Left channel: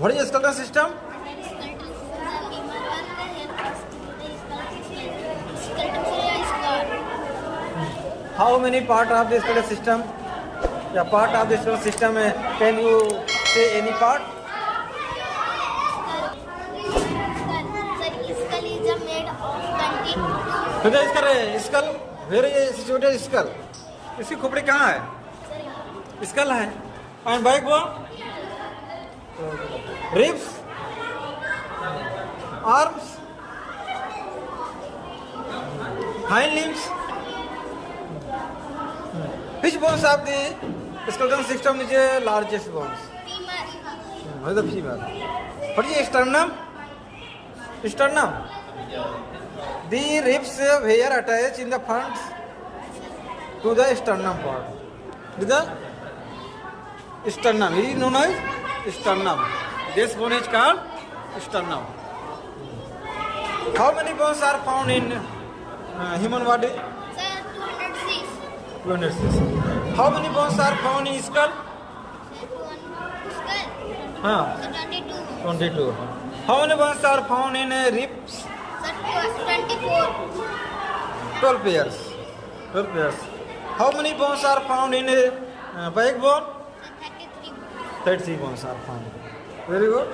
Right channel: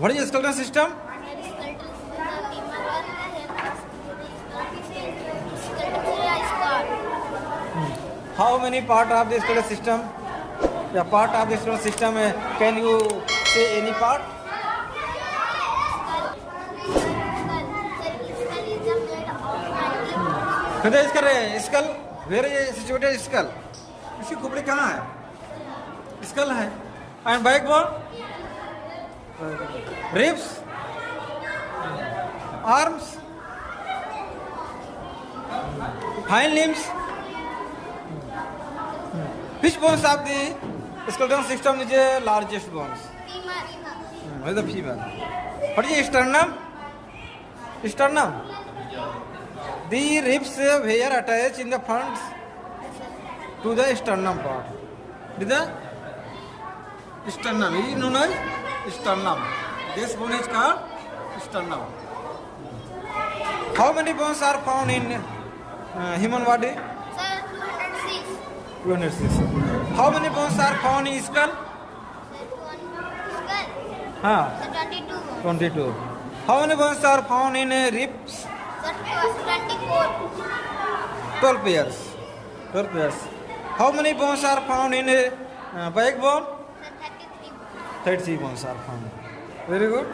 What is skeleton system? How many part of the skeleton system? Yeah, part of the skeleton system. Can you say any part? खुदा इसका skull where is situated skull इसकी खोपड़ी कहाँ है skull है and back bone ribs arms hind limbs which bones of the skeleton system is the largest bones femur the femur what is sternum the ribs were attached in the front to the sternum part. With the sternum, it is known as sternum. This bone is called sternum. How many bones are found in human body? Sir, 206. 206. How many bones are found in skull? Skull. 22. How many bones are found in ribs? Sir, 24. 12 pairs. How many bones are found in backbone? 33. 33 bones are found. Very good.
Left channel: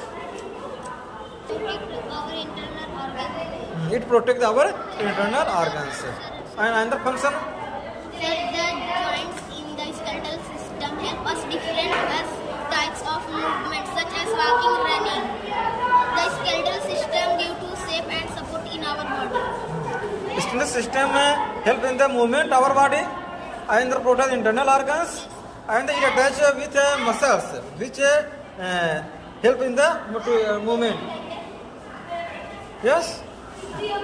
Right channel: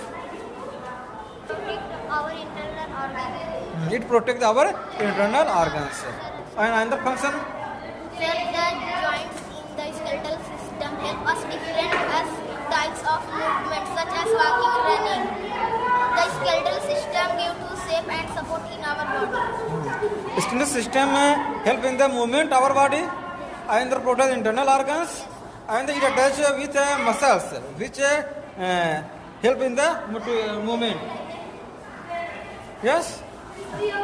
Protect our internal organs. It protects our internal organs. And the function? Sir, the joints in the skeletal system help us different types of movements such as walking, running. The skeletal system gives to shape and support in our body. Skeletal system help in the movement of our body and the protect internal organs and it attach with muscles which help in the movement. Yes?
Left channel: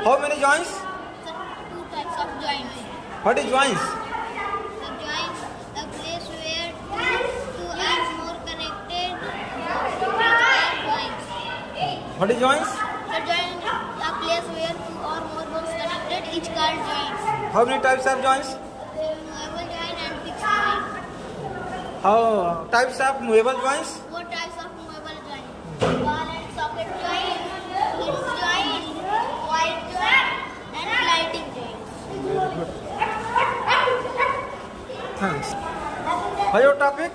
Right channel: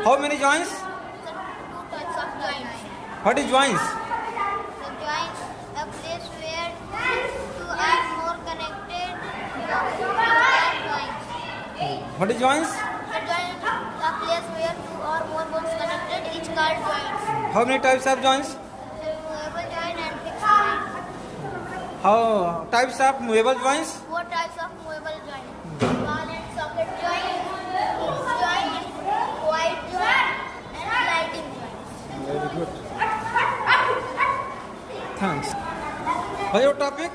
How many joints? Sir, 2 types of joints. What is joints? The joints, a place where two are more connected, are joints. What is joints? The joint, a place where 2 or more bones connected, each called joints. How many types of joints? Movable joint and fixed joint. How types of movable joints? 4 types of movable joints. Ball and socket joint, hinge joint, wide joint, and sliding joint. Very good. Thanks. What is your topic?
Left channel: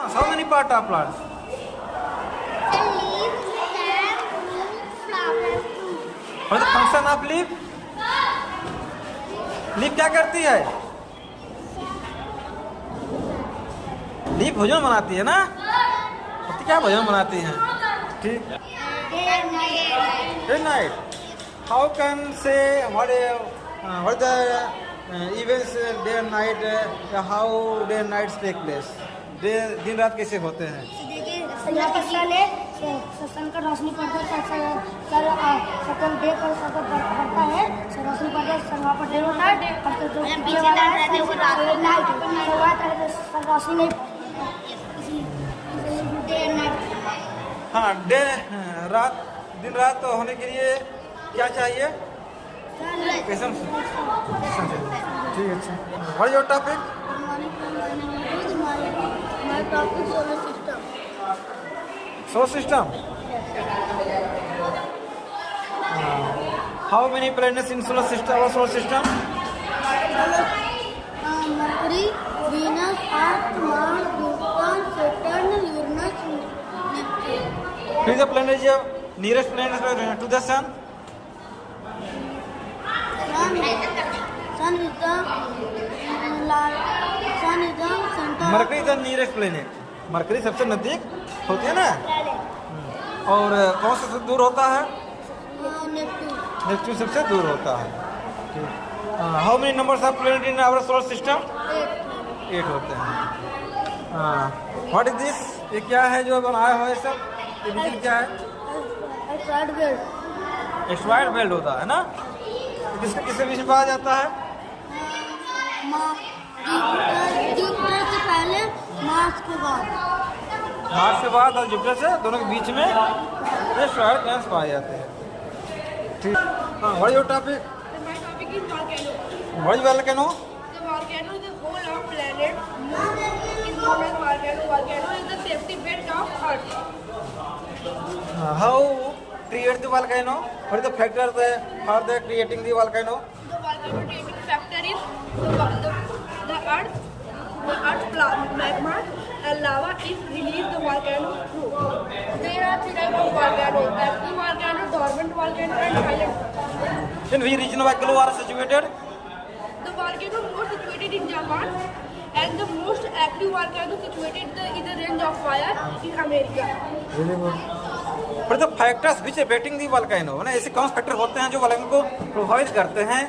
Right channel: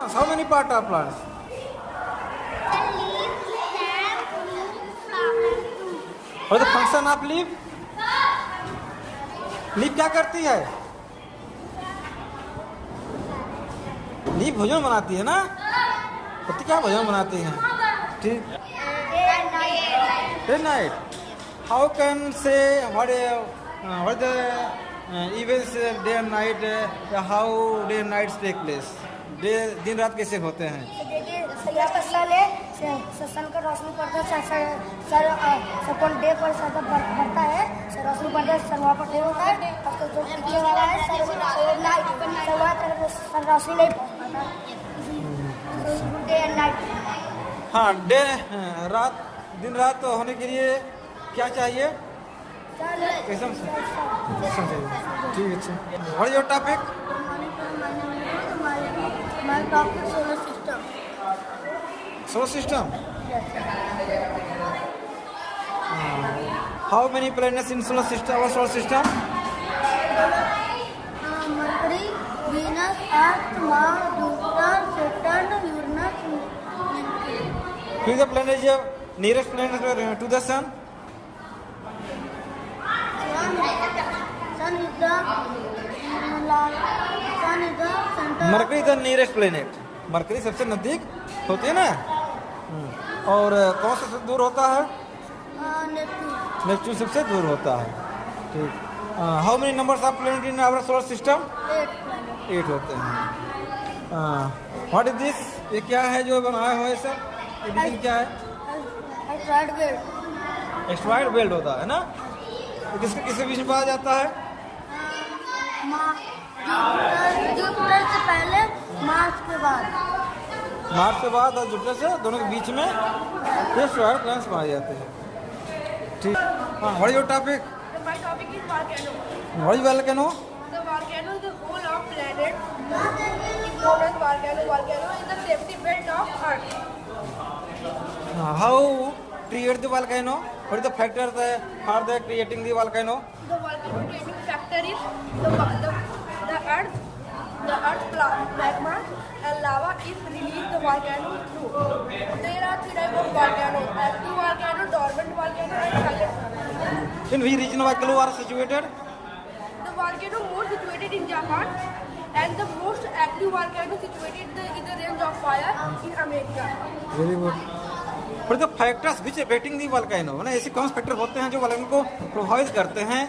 How many part of plants? What is the function of leaf? Leaf क्या करती है leaf भोजन बनाती है ना पत्ती क्या भोजन बनाती हैं ठीक Day night. How can say what the events day and night? How day and nights take place? दिन रात कैसे होते हैं? देखिए सूरज का सन है सन का रोशनी पड़ता है सर डे पर सर पड़ता है रोशनी पड़ता है सर वहाँ पर डे होता है रोशनी नहीं पड़ता डे एंड नाइट हाँ डे रात दिन रात होने के लिए क्या चाहिए कैसे ठीक है अच्छा what is your topic solar system how many planets in solar system our solar system Mercury, Venus, Earth, Mars, Jupiter, Saturn, Uranus, Neptune. which is the planet is nearest planet to the sun Sun is the center. Mercury the nearest planet mercury सबसे नजदीक होती है ना और कौन सा सबसे दूर होता है नेपच्यून सबसे दूर होता है ठीक how many numbers of planet in our solar system 8 होते हैं व्हाट इज दिस ये क्या है जो बनाया हुआ है सब ये क्या है एस्ट्रॉइड बेल्ट होता है ना किसके किसके बीच में पाया जाता है जुपिटर से पहले मार्स के बाद और जुपिटर से दोनों के बीच में ये एस्ट्रॉइड प्लैनेट्स पाए जाते हैं ठीक हाँ what is your topic My topic is volcano. What is volcano The volcano is the whole of planet. Known as volcano. Volcano is the safety belt of Earth. How create the volcano? What is the factor for the creating the volcano? The volcano creating factor is the earth magma and lava is released the volcano through. There are three types of volcanoes: active volcano, dormant volcano, and silent volcano. In which region volcano are situated? The volcano most situated in Japan and the most active volcano situated in the range of fire in America. Very good. But the factors which affecting the volcano, ना ऐसे कौन से factor होते हैं जो volcano को प्रभावित करते हैं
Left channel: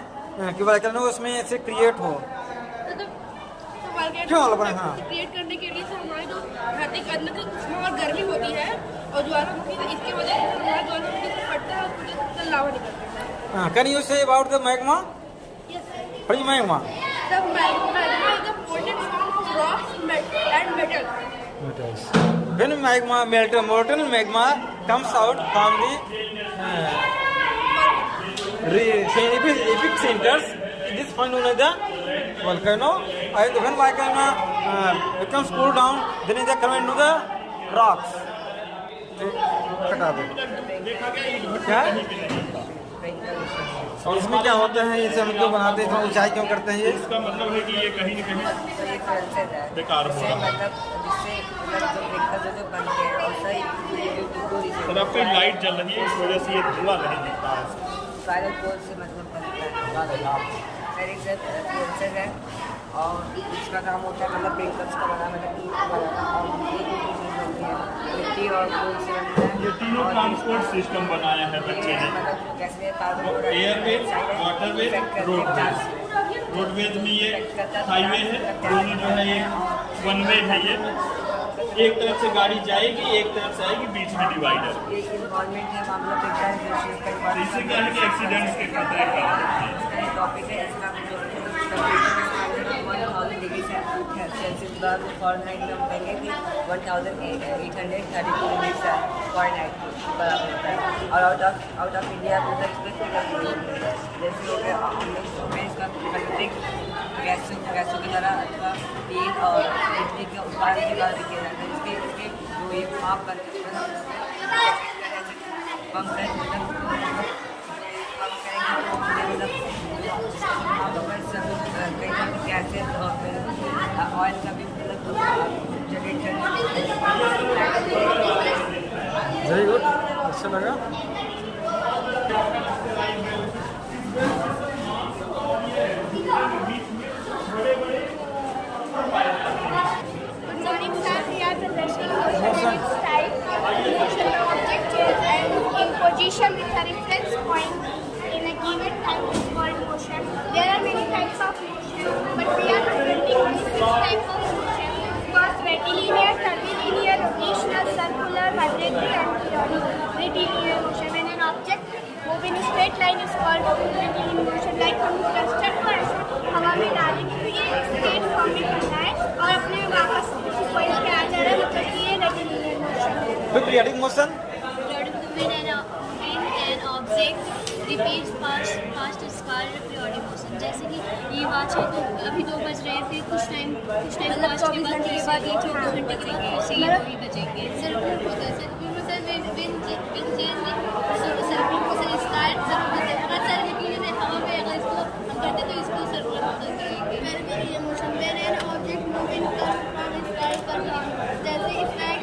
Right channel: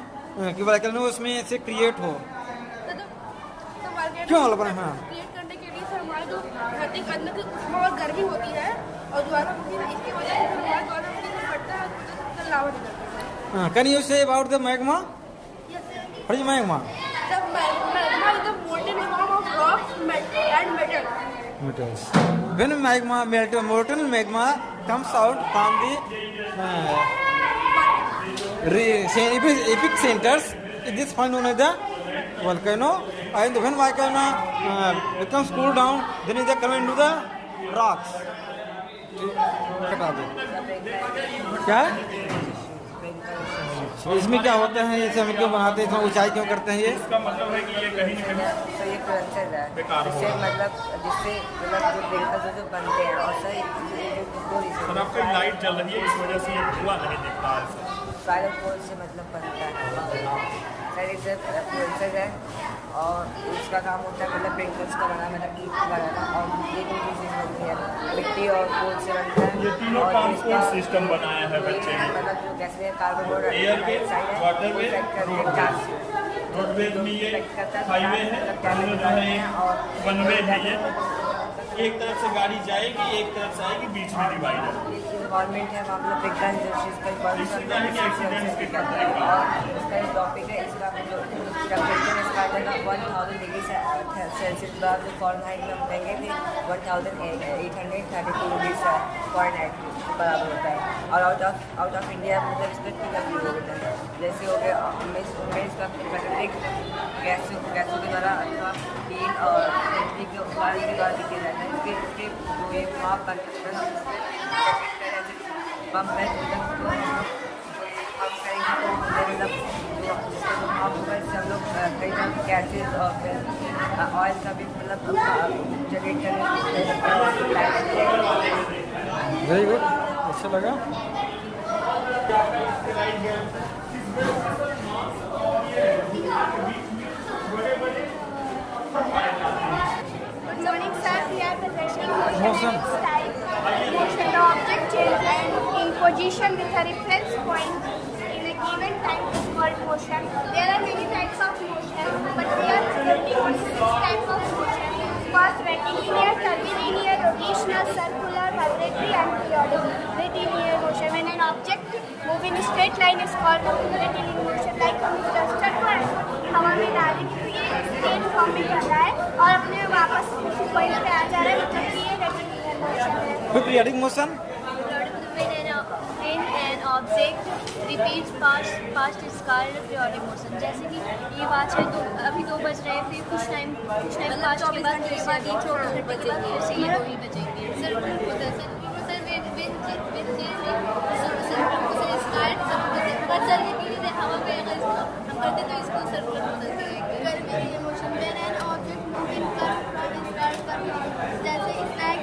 कि वॉल्केनो उसमें ऐसे क्रिएट हो? क्यों वॉल्केनो? हाँ, क्रिएट करने के लिए सर हमारे जो धरती के अंदर उष्मा और गर्मी होती है और ज्वालामुखी है, इसकी वजह से हमारा ज्वालामुखी से फटता है तो लावा निकलता है. can you say about the magma? Yes, sir. What is magma? The magma is the molten form of rocks and metal. Metals. When magma melt, molten magma comes out from the epicenters. This point known as the volcano. And when volcano becomes cool down, then it comes into the rocks. कटा दो. क्या? इसमें क्या होता है? जैसे हम लोग बनाते हैं, ऊंचाई क्यों करते हैं ये? इसका मतलब है कि ये कहीं न कहीं बेकार हो रहा है। सर आपकी लाइट जल रही है, इस वजह से ये धुआं नहीं दिखता है। और इसका काम होता है मतलब ब्रेकफास्ट बनाना, मिट्टी और तीनों ट्रांसपोर्ट सिस्टम बनाया है बच्चे ने, एयरवेज, वाटरवेज, रोडवेज। रोडवेज में ये हाईवे है, दोनों जो है एक वन वे है, ये एक तरफ से गाड़ी जाएगी, एक तरफ से आएगी, बीच में डिवाइडर। तो इससे क्या है कि एक्सीडेंट्स के खतरे कम होते हैं। और आउट ऑफ इंडिया जैसे हो गया में इसका प्राकृतिक गैसों के द्वारा अथवा तेल और बिजली के उत्पादन के द्वारा किया जाता है। इसके वो एक भाप का गैसेज और ऑयल का भी मतलब जनरेट करने। Very good. अच्छा लगा. Good morning, sir. We are presenting Motion. object in position with a reference point in a given time is called motion. There are many types of motion, but we are presenting only 6 types of motion. First, rectilinear, curvilinear, rotational, circular, vibratory, and periodic. Rectilinear motion. When an object moves in a straight line is called rectilinear motion. Like हम cluster को ऐसे हवा में डालने के लिए straight form में कर रहा है और अपने वापस पॉइंट पे आ जा रहा है, मतलब कि ये rectilinear motion. Periodic motion. When an object repeats past is called periodic motion. जैसे कि ये वॉच है तो अभी 2 बज रहे हैं, फिर कुछ टाइम पास्ट के बाद ये 2 घंटे के बाद फिर से ये 2 ही बजेंगे. सर्कुलर मोशन अगर सर्किट के लिए हवा में अगर इसको हम करते तो इसको सर्कुलर मोशन कहेंगे. कर्वीलिनियर मोशन में an object moving from its right curvilinear, जैसे स्नैक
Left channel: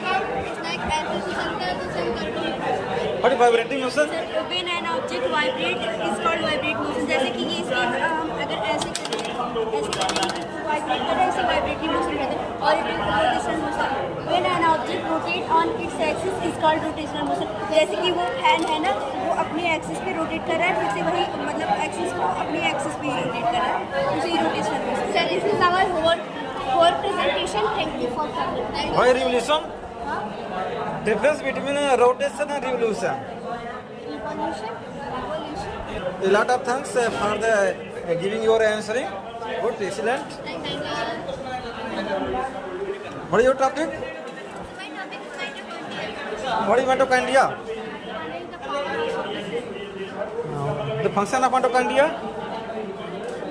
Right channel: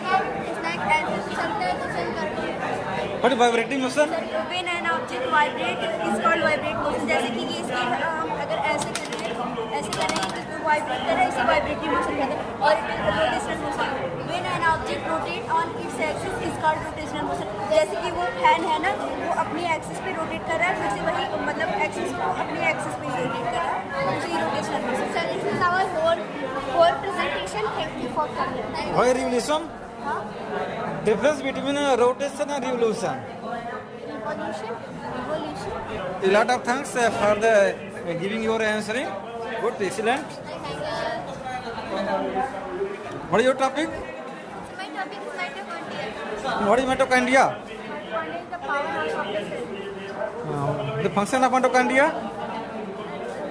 ऐसे से चलता है तो चल curvilinear. What is vibrating motion? When an object vibrates is called vibrate motion. जैसे कि ये स्केल है, हम अगर ऐसे करेंगे तो वाइब्रेट करें, इसे वाइब्रेटिंग मोशन कहते हैं. और it is rotational motion. When an object rotates on its axis is called rotational motion. जैसे कि वो फैन है ना, वो अपनी एक्सिस पे रोटेट कर रहा है, फिर से वही मतलब एक्सिस को अपनी एक्सिस पे रोटेट कर रहा है, उसे rotational motion. So this is our whole presentation. Thank you for coming. Why revolution? Difference between rotation and revolution. A lot of thanks for the giving your answering. Good, excellent. What is your topic? What is mitochondria? The power of the cell. The function of mitochondria?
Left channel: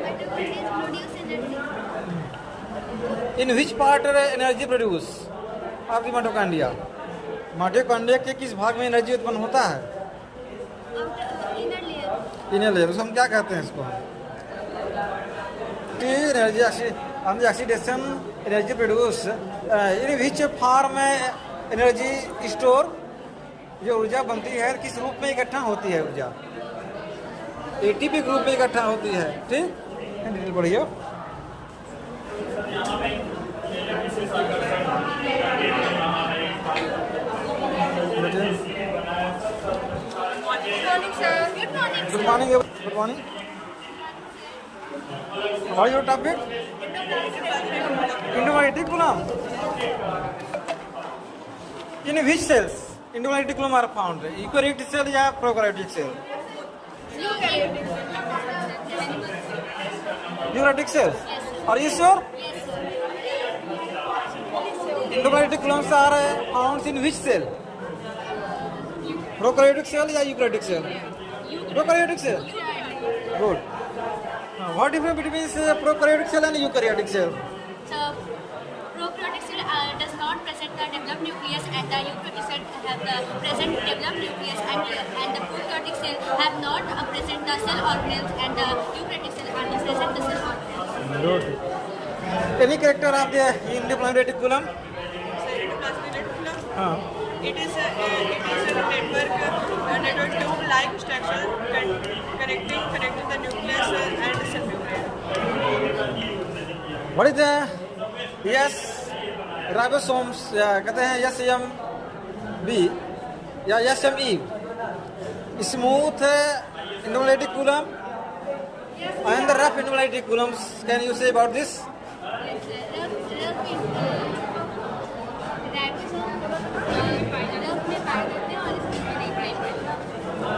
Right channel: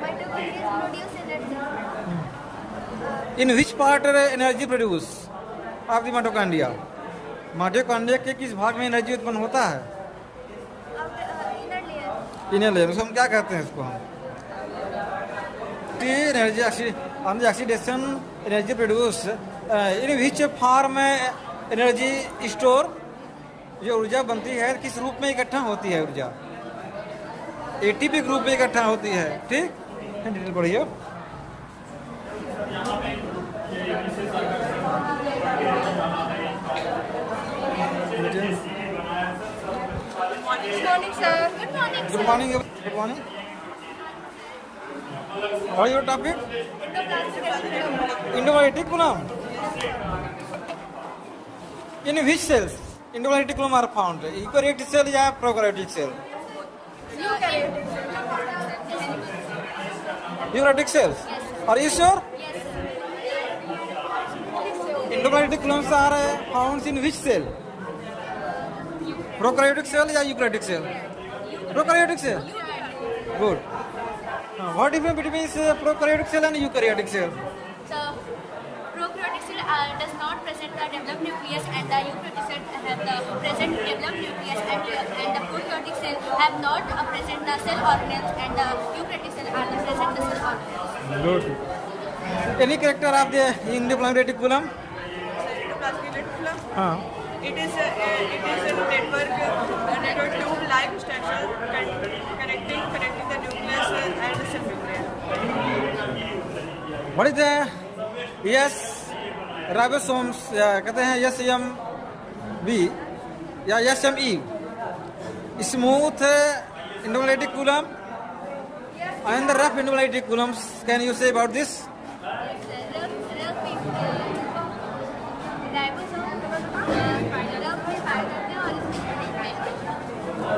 Mitochondria produce energy. In which part energy produce of the mitochondria? Mitochondria के किस भाग में energy उत्पन्न होता है? Inner layer. हम क्या कहते हैं इसको? Energy oxidation energy produce in which form energy store, जो ऊर्जा बनती है किस रूप में इकट्ठा होती है? ऊर्जा एटीपी के रूप में इकट्ठा होती है। ठीक, बढ़िया। Good morning. Good morning. What is your topic? Endocytocolum. In which cells endocytocolum are found? Eukaryotic cell या prokaryotic cell? Eukaryotic cells. Are you sure? Endocytocolums are found in which cell? Prokaryotic cell या eukaryotic cell? Prokaryotic cell. Good. What difference between prokaryotic cell and eukaryotic cell? So, prokaryotic cell does not present the developed nucleus, and the eukaryotic cell have the present developed nucleus, and the prokaryotic cell have not present the cell organelles, and the eukaryotic cell are the present the cell organelles. Good. Any character of the in the plasma reticulum? It is a network tube-like structure connecting the nucleus and the cell membrane. What is the ribosomes या कहते हैं SMB या SME? Smooth endocytocolum and the rough endocytocolums. Can you say about this?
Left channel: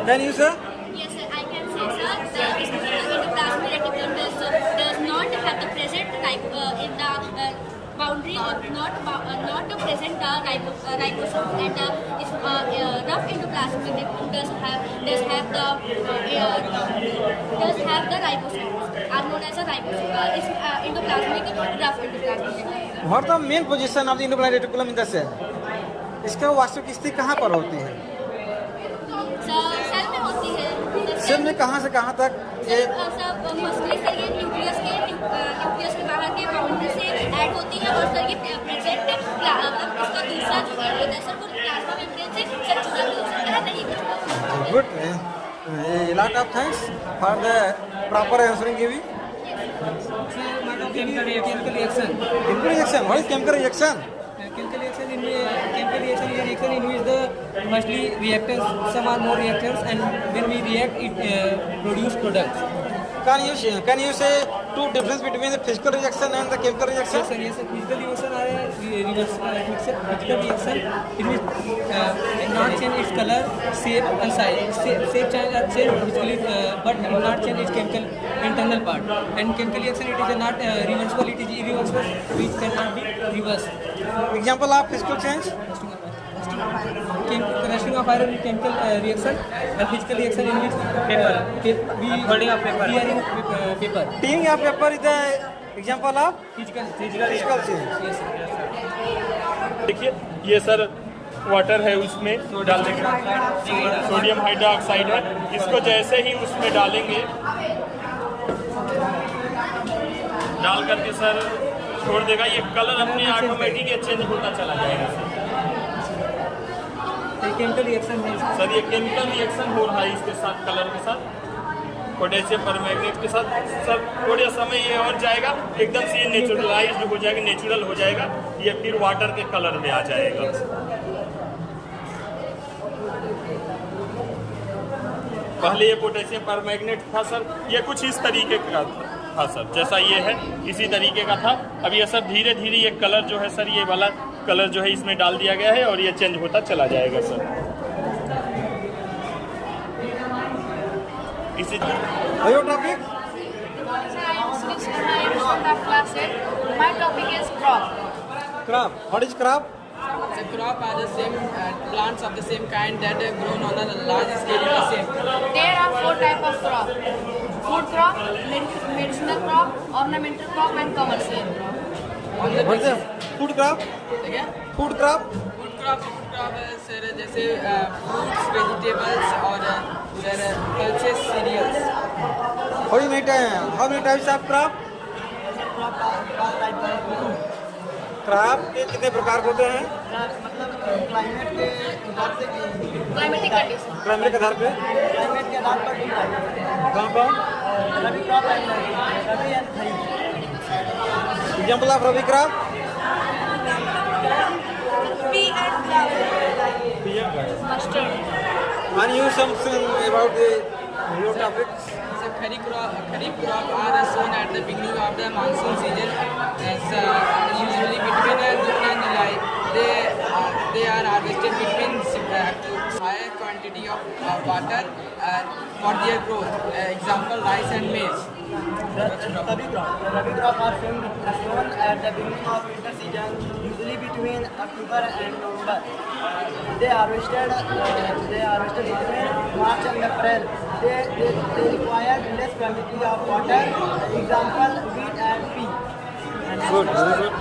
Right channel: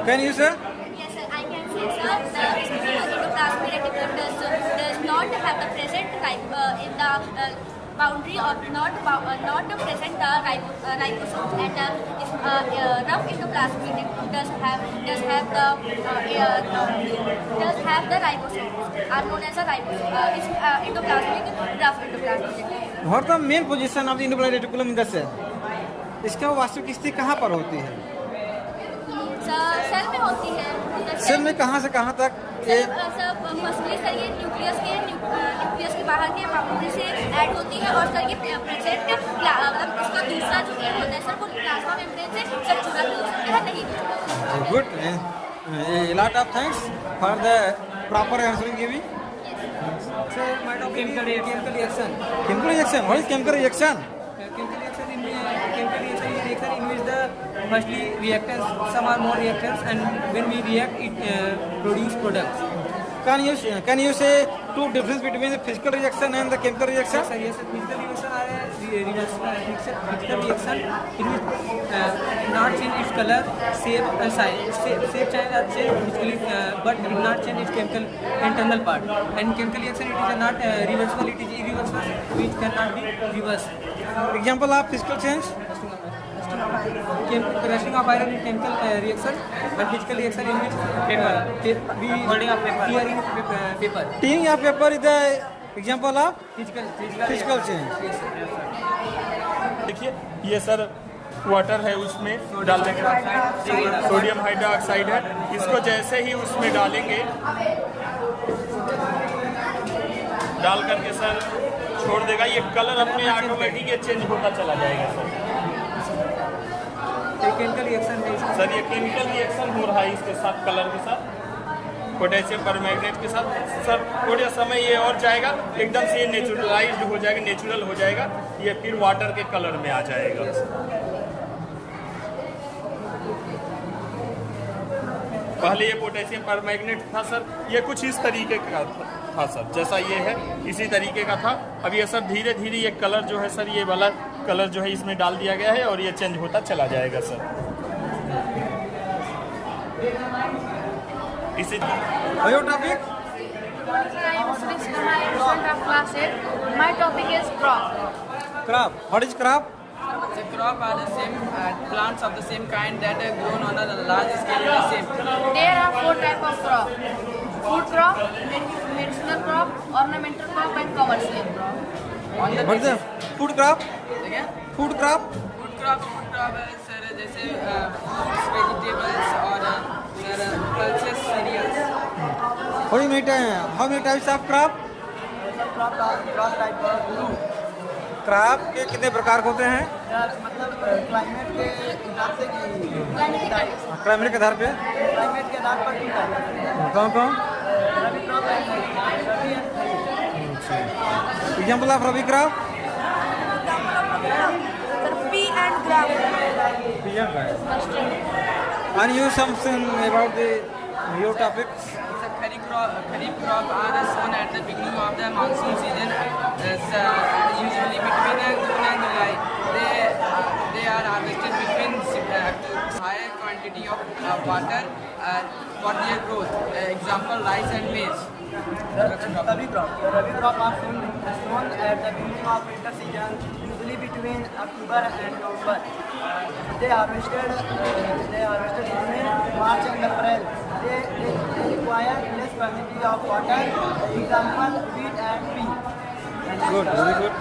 Can you say? Yes, sir, I can say, sir, the endoplasmic reticulum does not have the present type in the boundary or not present the ribosomes, and rough endoplasmic reticulum does have the ribosomes, are known as a ribosome. It's endoplasmic rough endoplasmic reticulum. What the main position of the endoplasmic reticulum in the cell? इसका वास्तविक स्थिति कहाँ पर होती है? Cell में होती है। सेल में कहाँ से कहाँ तक? सब मसली सर ये न्यूक्लियस के बाहर के बाउंड्री से ऐड होती है, और सर ये प्रेजेंट मतलब इसका दूसरा जो है सर वो प्लाज्मा मेम्ब्रेन से सब जुड़ा हो सकता है, नहीं जुड़ा। Good. A lot of thanks for the proper answering giving. Chemical reaction. Chemical reaction. What is chemical reaction? Chemical reaction is a reaction in which the mostly reactors, some are more reactors, and when we react, it produce products. Can you say two difference between the physical reaction and the chemical reaction? Yes, sir. Physical reaction are physical reaction. It will not change its color, shape, and size. Shape change, but not change its chemical internal part. And chemical reaction, it is not reversible. It is irreversible. It cannot be reversed. Example of physical change? Rushing of iron in chemical reaction, and physical reaction in which holding of paper. Tearing of paper is the example of physical change. Yes, sir. देखिए ये sir water है, उसमें डालने का sodium hydroxide है। इसको जैसे ही उसमें डालेंगे, डाल करके सर छोड़ देगा, ये कलर अपने ऑटोमेटिक चेंज होता चला जाएगा सर। केमिकल रिएक्शन है सर ये केमिकल रिएक्शन हो रहा है इसके साथ, कलर के साथ, पोटेशियम परमैंगनेट के साथ। सर थोड़े समय ये और जाएगा, एकदम से ये नेचुरलाइज्ड हो जाएगा, नेचुरल हो जाएगा, ये फिर वाटर के कलर में आ जाएगा। पहले ये पोटेशियम परमैंगनेट था सर, ये कुछ इस तरीके का था सर, जैसा ये है इसी तरीके का था। अब ये सर धीरे धीरे ये कलर जो है सर, ये वाला कलर जो है इसमें डाल दिया गया है, और ये चेंज होता चला जाएगा सर। इसी Your topic? My topic is crop. Crop. What is crop? The crop are the same plants of the same kind that are grown on a large scale. The same. There are 4 types of crop: food crop, medicinal crop, ornamental crop, and commercial crop. What is the food crop? Yeah. Food crop? Food sir, जैसे fruits, vegetables और pulses, cereals. How many types of crop? Crop के कितने प्रकार होते हैं? Climatic conditions. Climate के आधार पे कौन कौन? Example of rabi crop? Pea and gram. And you something about your topics? So kharif crop are sown at the beginning of the monsoon season. As usually between like they are harvested between higher quantity of water for their growth. Example, rice and maize. Rabi crop are sown at the beginning of winter season, usually between October and November. They harvested between March and April. They require less quantity of water. Example, wheat and pea. Good, very good.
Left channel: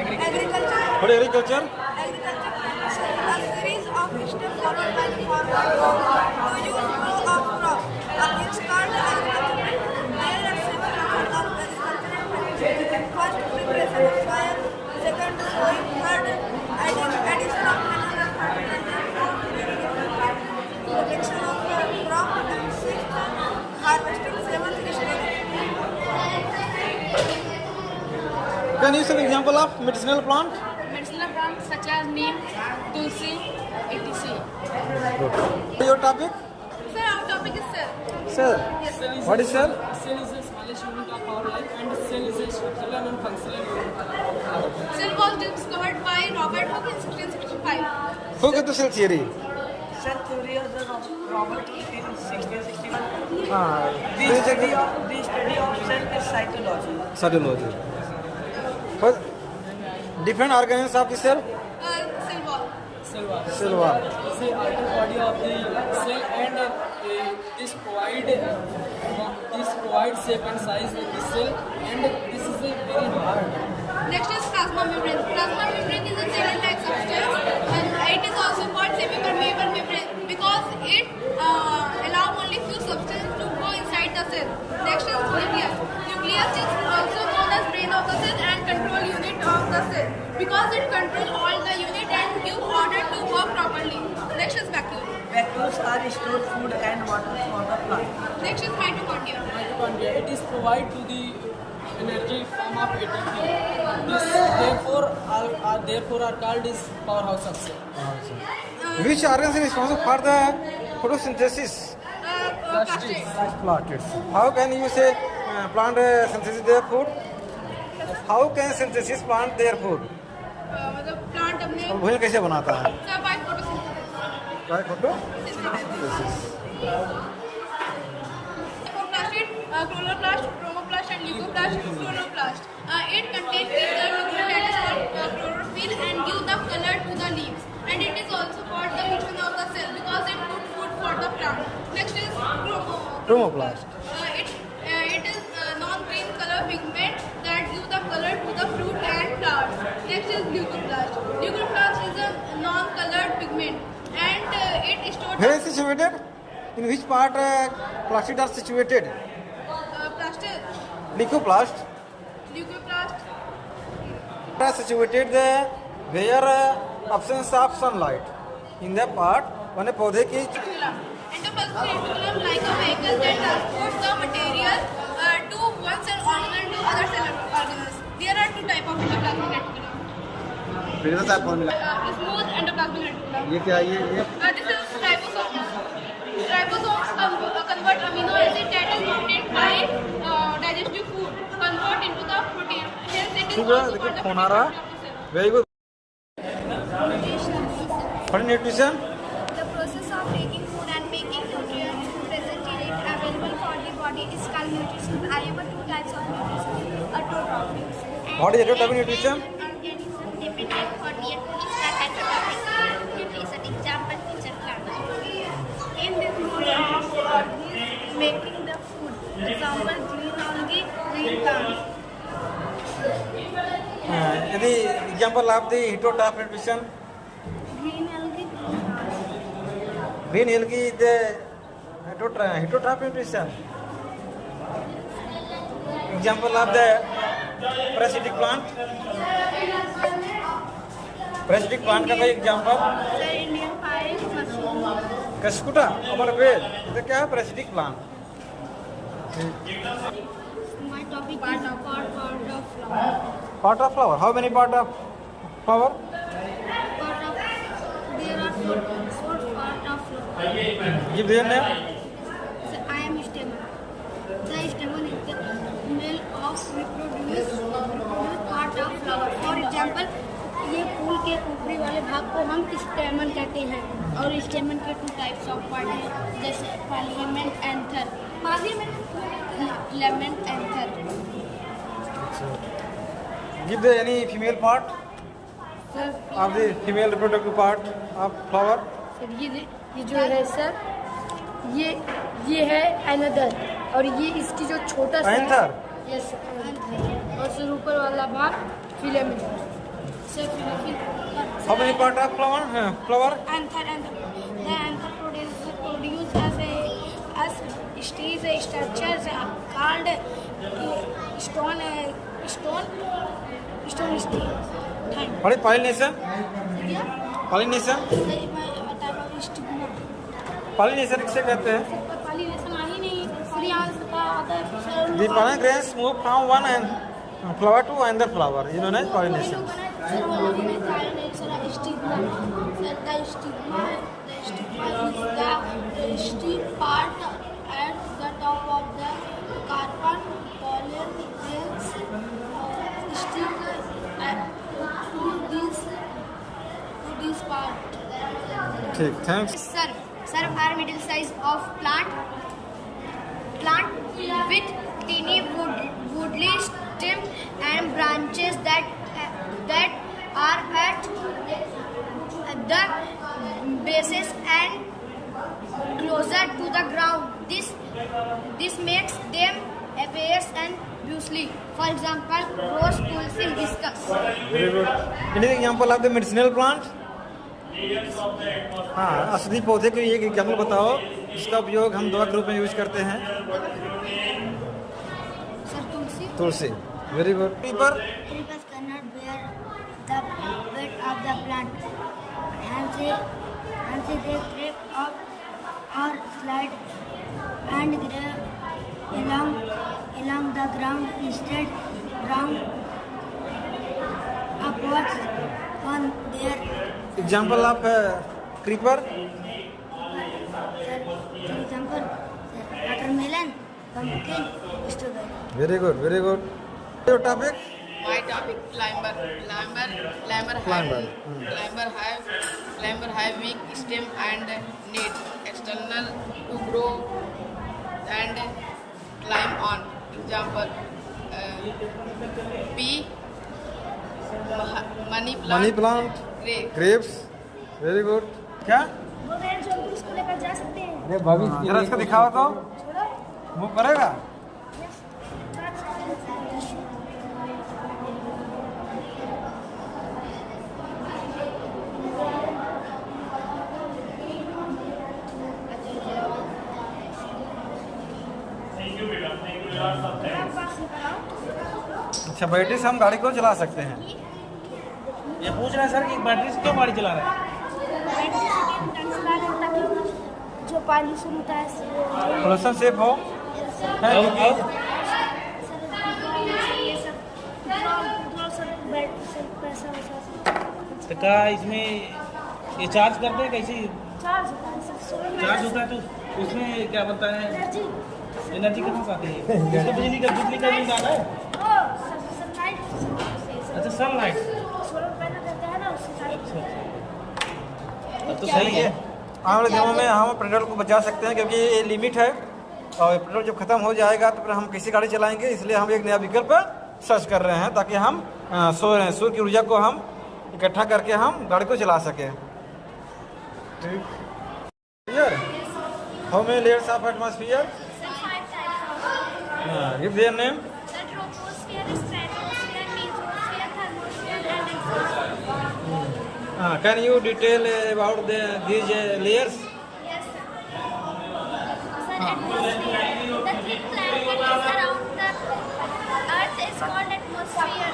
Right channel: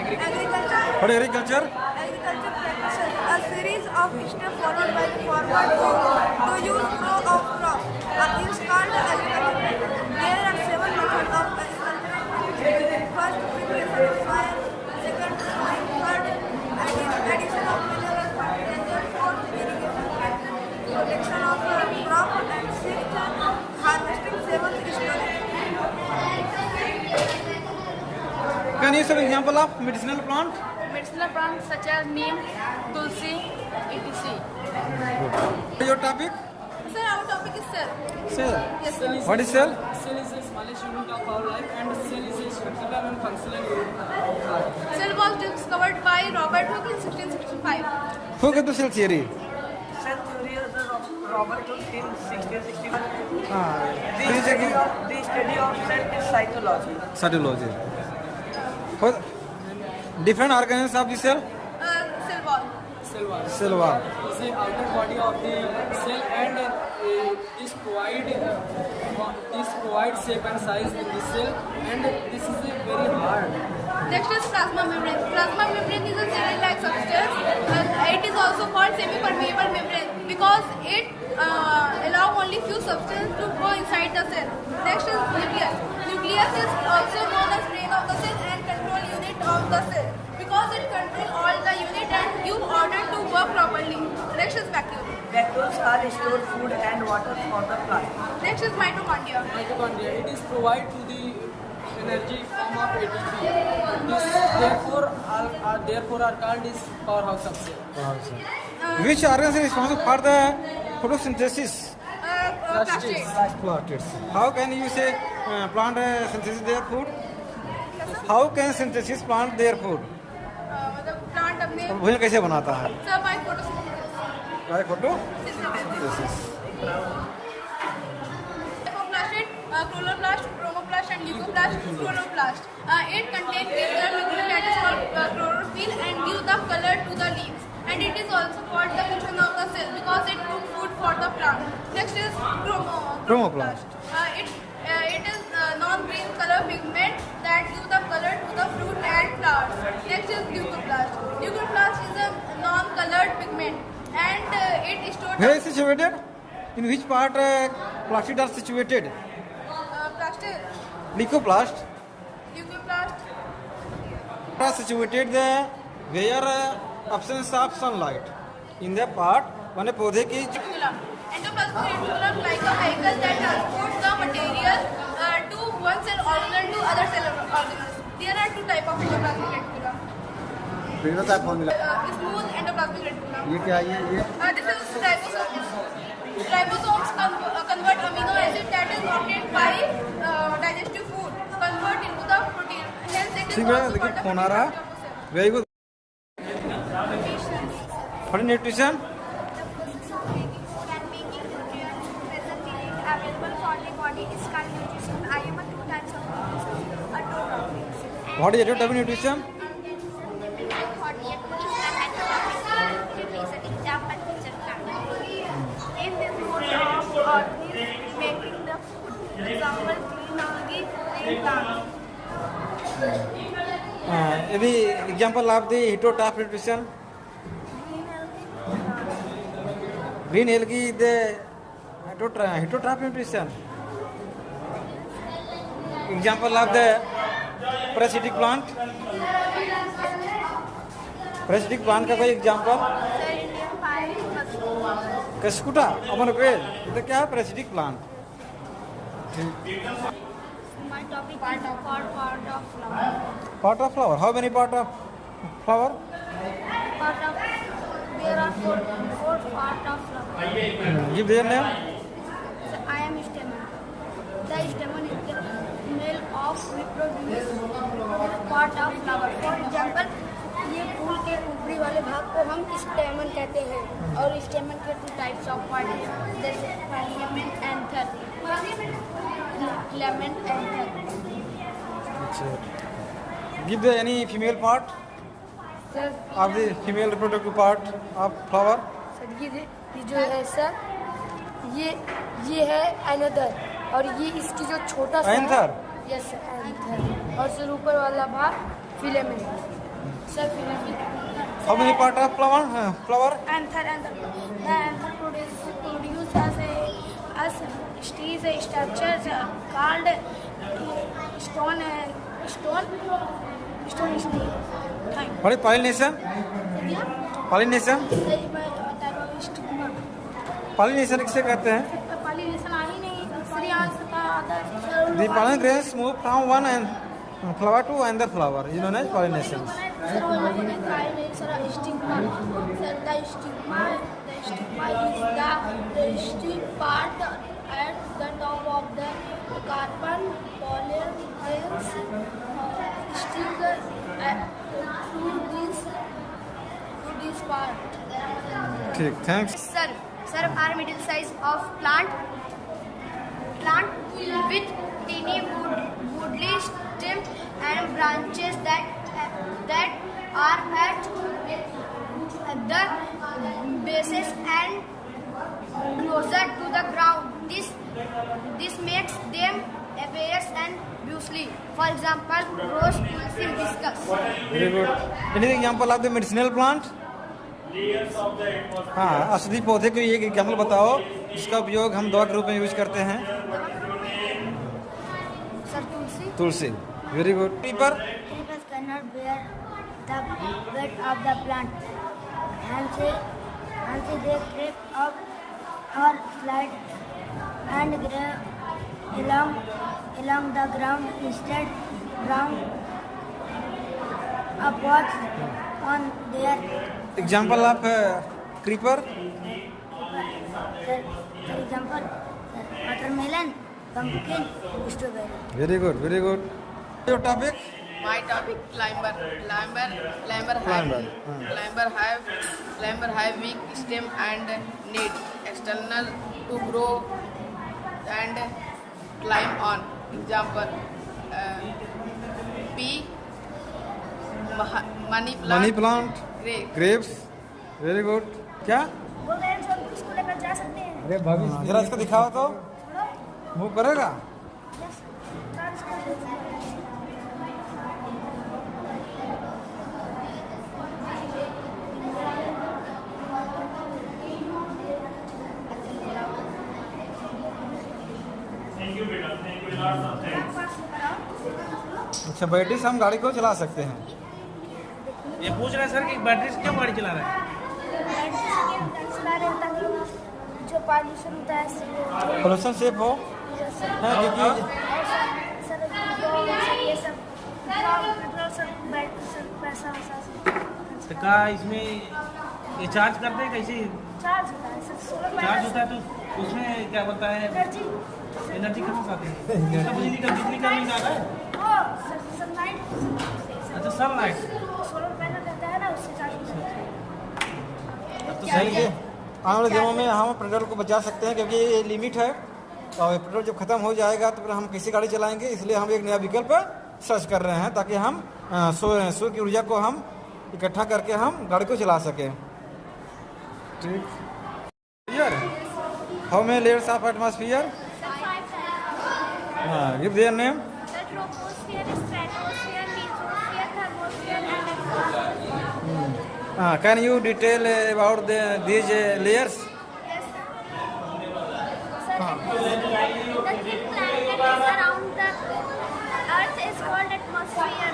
Agriculture. What is agriculture? Agriculture practices a series of steps followed by the farmer to use row of crop. This is called agriculture practice. There are 7 methods of agricultural practice. First, preparation of soil. Second, sowing. Third, addition of mineral fertilizer. Fourth, irrigation. Fifth, protection of crop. And sixth, harvesting. Seventh, storage. Can you give an example of medicinal plant? Medicinal plants such as neem, tulsi, etc. Your topic? Sir, our topic is cell. Cell. What is cell? Cell is the smallest unit of our life, and cell is a structural and functional unit of life. Cell was discovered by Robert Hooke in 1665. Who get the cell theory? Cell theory of the Robert Hooke in 1661. Please again. The study of cell is cytology. Cytology. What? Different organs of the cell? Cell wall. Cell wall. Cell wall. Is the outer body of the cell, and this provides shape and size in the cell, and this is a very hard. Next is plasma membrane. Plasma membrane is a jelly-like substance, and it is also called semi-permeable membrane because it allows only few substances to go inside the cell. Next is nucleus. Nucleus is also known as brain of the cell and control unit of the cell because it controls all the unit and give order to work properly. Next is vacuole. Vacuoles are stored food and water for the plant. Next is mitochondria. Mitochondria. It is provide to the energy form of ATP. This therefore are called as powerhouse of cell. Which organ is responsible for the photosynthesis? Plastids. Plastids. How can you say plant synthesis their food? How can synthesis plant their food? मतलब plant अपने और वही कैसे बनाता है? सब by photosynthesis By photo? Plastid, chloroplast, chromoplast, and leucoplast, chloroplast. It contains ether that is called chlorophyll and give the color to the leaves. And it is also called the kitchen of the cell because it puts food for the plant. Next is Chromoplast. It is non-green color pigment that gives the color to the fruit and flowers. Next is leucoplast. Leucoplast is a non-colored pigment and it stores Where is situated? In which part plastids are situated? plastid. Leucoplast Leucoplast. are situated where absence of sunlight. In the part when पौधे की Endoplasmic reticulum like a vehicle that transports the material to one cell organ to other cell organs. There are two types of endoplasmic reticulum. Smooth endoplasmic reticulum. ये क्या है? This is ribosomes. Ribosomes convert amino acid that is wanted by digestive food convert into the protein. Hence it is ठीक है, also देखिए called the phone आ रहा. Very good. For nutrition, The process of taking food and making nutrients present in it available for the body is called nutrition. I am a two types of nutrition, a two topics. what is the rate of nutrition? And it is difficult for me to that has a topic nutrition. Example, teacher plant. In this mode of organisms making the food. Example, green on the green plants. यदि example of the heterotop nutrition, Green algae is the heterotrophic plant. Example of the parasitic plant. Parasitic plant का कोई example? कसकुटा अमर वेद तो क्या है parasitic plant? My topic part of flower. Part of flower. How many part of flower? There are four part of flower. Give their name. So I am stamen. The stamen is the male of reproduce part of flower. For example, ये फूल के ऊपरी वाले भाग को हम स्टेमन कहते हैं और स्टेमन के 2 टाइप्स ऑफ पार्ट हैं जैसे पार्लियामेंट एंथर लेमेंट एंथर. Give the any female part of the female reproductive part of flower. ये जो है सर ये है एनदर और ये इसकी जो छोटा सा Anther. यस एंथर और फिर ऊपर वाला भाग filament sir filament. How many part of flower? Flower. Anther the anther produce as is a structure called stone steel. What is pollination? Pollination. Stigma. Pollination किसे कहते हैं? पॉलिनेशन आ ही नहीं परियांश का आदर. The pollen grains move from one and flower to another flower. You know as pollination. Stigma is the stick part at the top of the carbon pollen grains stick through this part. ठीक, thanks. Serve are middle size of plant with teeny woodly stem and branches that are at the bases and closer to the ground. This makes them appear and usually, for example, rose, tulsi, hibiscus. Very good. Any example of the medicinal plant? हाँ, औषधि पौधे के एक example बताओ जिसका उपयोग हम दवा के रूप में यूज करते हैं. Sir tulsi. Very good. Creeper. Creepers cannot bear the weight of the plant. Hence they creep up or slide and grow along the ground instead round upwards on their Example of creeper. For example, watermelon, pumpkin, strawberry. Very good. Very good. Your topic? My topic climber. Climber have weak stem and need external to grow and climb on. Example, pea, money plant, grapes. Very good. क्या? इसको लेकर जा सकते हैं. अरे भविष्य जरा इसको दिखाओ तो. मूव करेगा? अच्छा, बैटरी से हम गाड़ी को चला सकते हैं. ये पूछ रहे हैं सर कि बैटरी से क्यों गाड़ी चला रहा है? जो पॉल्यूशन होता है पोल्यूशन सेफ हो. तो क्या इसमें ये चार्ज करते हैं कैसे? चार्ज होता है चार्ज होता है तो उसमें क्या बनता है? एनर्जी कहाँ से आती है? इसमें बिजली का बिल आ रहा है. अच्छा, सनलाइट. तो सही है. आने वाले दिनों में हम पेट्रोल को बचा सकते हैं क्योंकि ये लिमिट है और पेट्रोल जब खत्म हो जाएगा तो फिर हम कैसी गाड़ी चलाएंगे. इसलिए हम एक नया विकल्प सर्च कर रहे हैं ताकि हम सूर्य की ऊर्जा को हम इकट्ठा करके हम गाड़ी को चला सकें. ठीक. How many layers of atmosphere? Give their name. Troposphere, stratosphere, mesosphere, thermosphere, and exosphere. Can you detail about these layers? Yes, atmosphere. The thin planet is around the Earth is called atmosphere.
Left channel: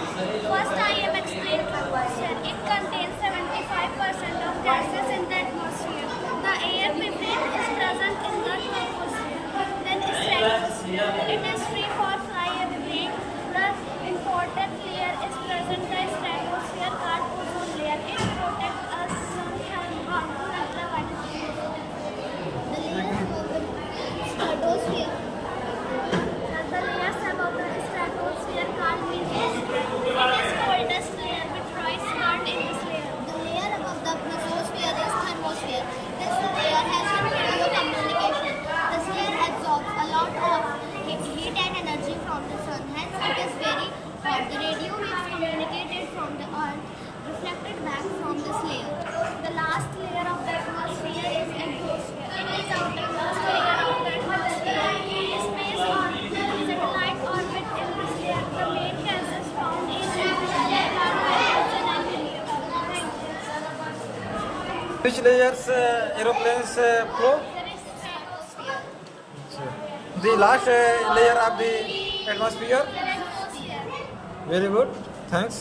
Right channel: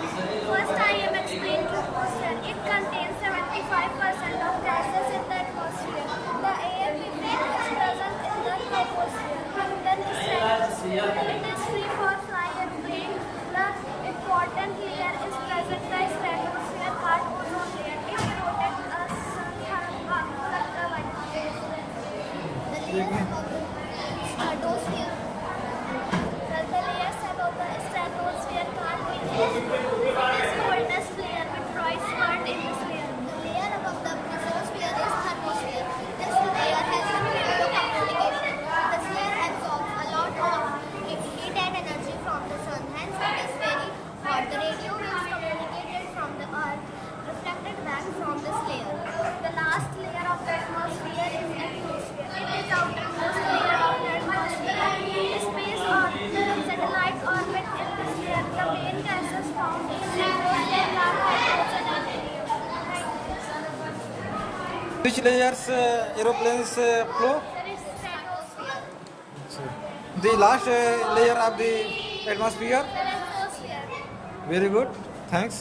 First, I am explaining the question. It contains 75% of gases in the atmosphere. The air we breathe is present in the atmosphere. Then stratosphere. It is free for flying. The important layer is present in the stratosphere called ozone layer. It protects us from harmful ultraviolet rays. The layer above the stratosphere. The layers above the stratosphere called mesosphere. It is coldest layer with dry smart in this layer. The layer above the mesosphere is thermosphere. This layer has radio communication. This layer absorbs a lot of heat and energy from the sun. Hence, it is very hot. The radio waves communicated from the earth reflected back from this layer. The last layer of the atmosphere is exosphere. It is outermost layer of the atmosphere. Space or satellite orbit in this layer. The main gases found in this layer are hydrogen and helium. Which layers aeroplanes flew? There is stratosphere. The last layer of the atmosphere. The atmosphere. Very good. Thanks.